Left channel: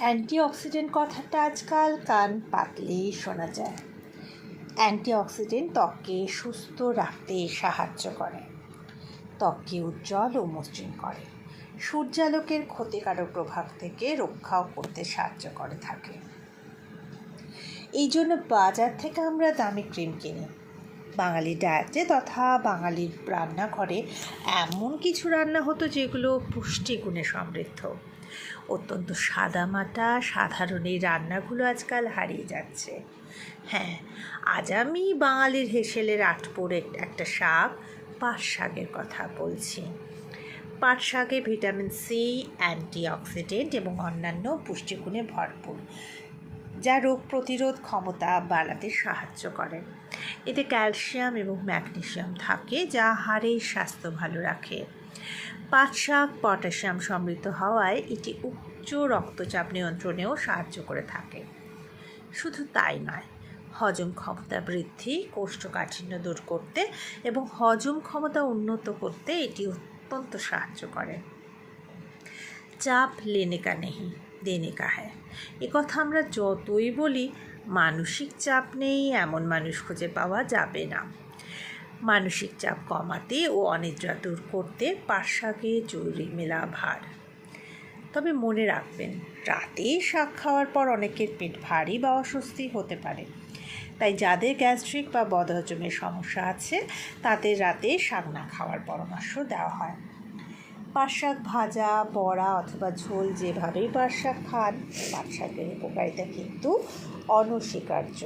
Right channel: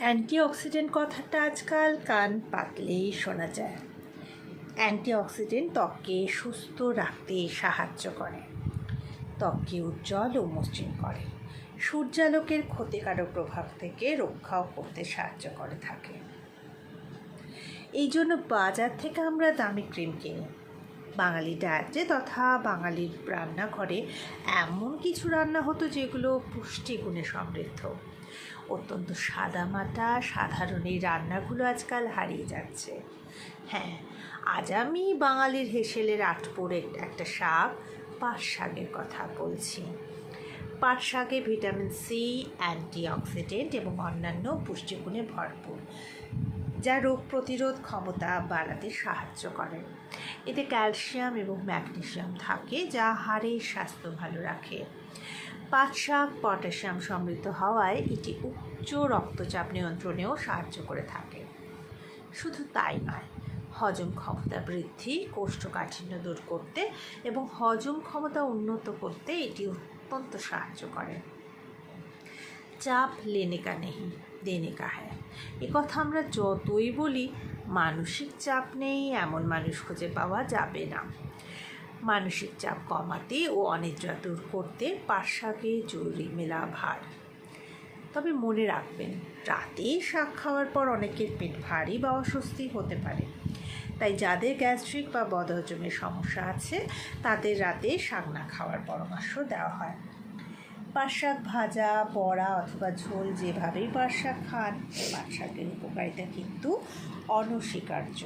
Antioxidant কথাটা আজকাল কান পাতলেই শোনা যায়। অ্যান্টিঅক্সিডেন্ট ত্বককে সুস্থ রাখতে সাহায্য করে। ত্বককে উজ্জ্বল ও মসৃণ করে। সূর্যালোকের ক্ষতিকারক প্রভাব থেকে রক্ষাও করতে সাহায্য করে থাকে। এই জন্য বাজার থেকে আমরা দামি ক্রিম কিনি। বাঙালি ডায়েটে তথা বাঙালির রান্নাঘরে এমন কিছু রান্না হতো যেগুলো পুষ্টিগুণে সমৃদ্ধ। অত্যন্ত সাদামাটা, সাধারণ এই রান্নাগুলো আজকাল হারিয়ে যাচ্ছে। হ্যাঁ আজ আমি বাঙালির হেসেলের আটপোড়ে একটা শাক পাট শাকের কথা বলছি। পাট শাকে ভিটামিন সি, অ্যান্টিঅক্সিডেন্ট এবং অন্যান্য পুষ্টিগুণে ভরপুর, যা রোগ প্রতিরোধ ক্ষমতা বাড়াতে সাহায্য করে। এতে ক্যালসিয়াম এবং ম্যাগনেসিয়াম থাকে, যা হাড়ের স্বাস্থ্য ভালো রাখে। পাট শাক পটাশিয়াম সমৃদ্ধ হওয়ায় এটি উচ্চ রক্তচাপ নিয়ন্ত্রণেও সাহায্য করে থাকে। শুধু তাই নয়, হজম ক্ষমতা বৃদ্ধি, কোষ্ঠকাঠিন্য দূর করতে এবং হজম ক্ষমতা উন্নত করতে এটি অত্যন্ত সাহায্য করে। চাপ লেনে কা নেই দেনে কা হ্যায় এ কথা আমরা যতই বলি, মানসিক চাপ নেই, এমন মানুষ খুঁজে পাওয়া যাবে না। মানসিক চাপ কমাতে ও অনিদ্রা দূর করতে পাশাকে জরুরি মেলা ভার। তবে মনে রাখবেন, রাতে শাক খাওয়ার পর অনেকের পেট ভারী বা অস্বস্তি হতে পারে। তাই যাদের গ্যাস্ট্রিক বা বদহজমের সমস্যা আছে, তাদের রাতে শাক না খাওয়ার পরামর্শ দেওয়া হয়। পাট শাক ভাজা, বড়া অথবা ঝোল যেভাবেই পাট শাক খান পাট শাকের উপকারিতা কিন্তু অনস্বীকার্য।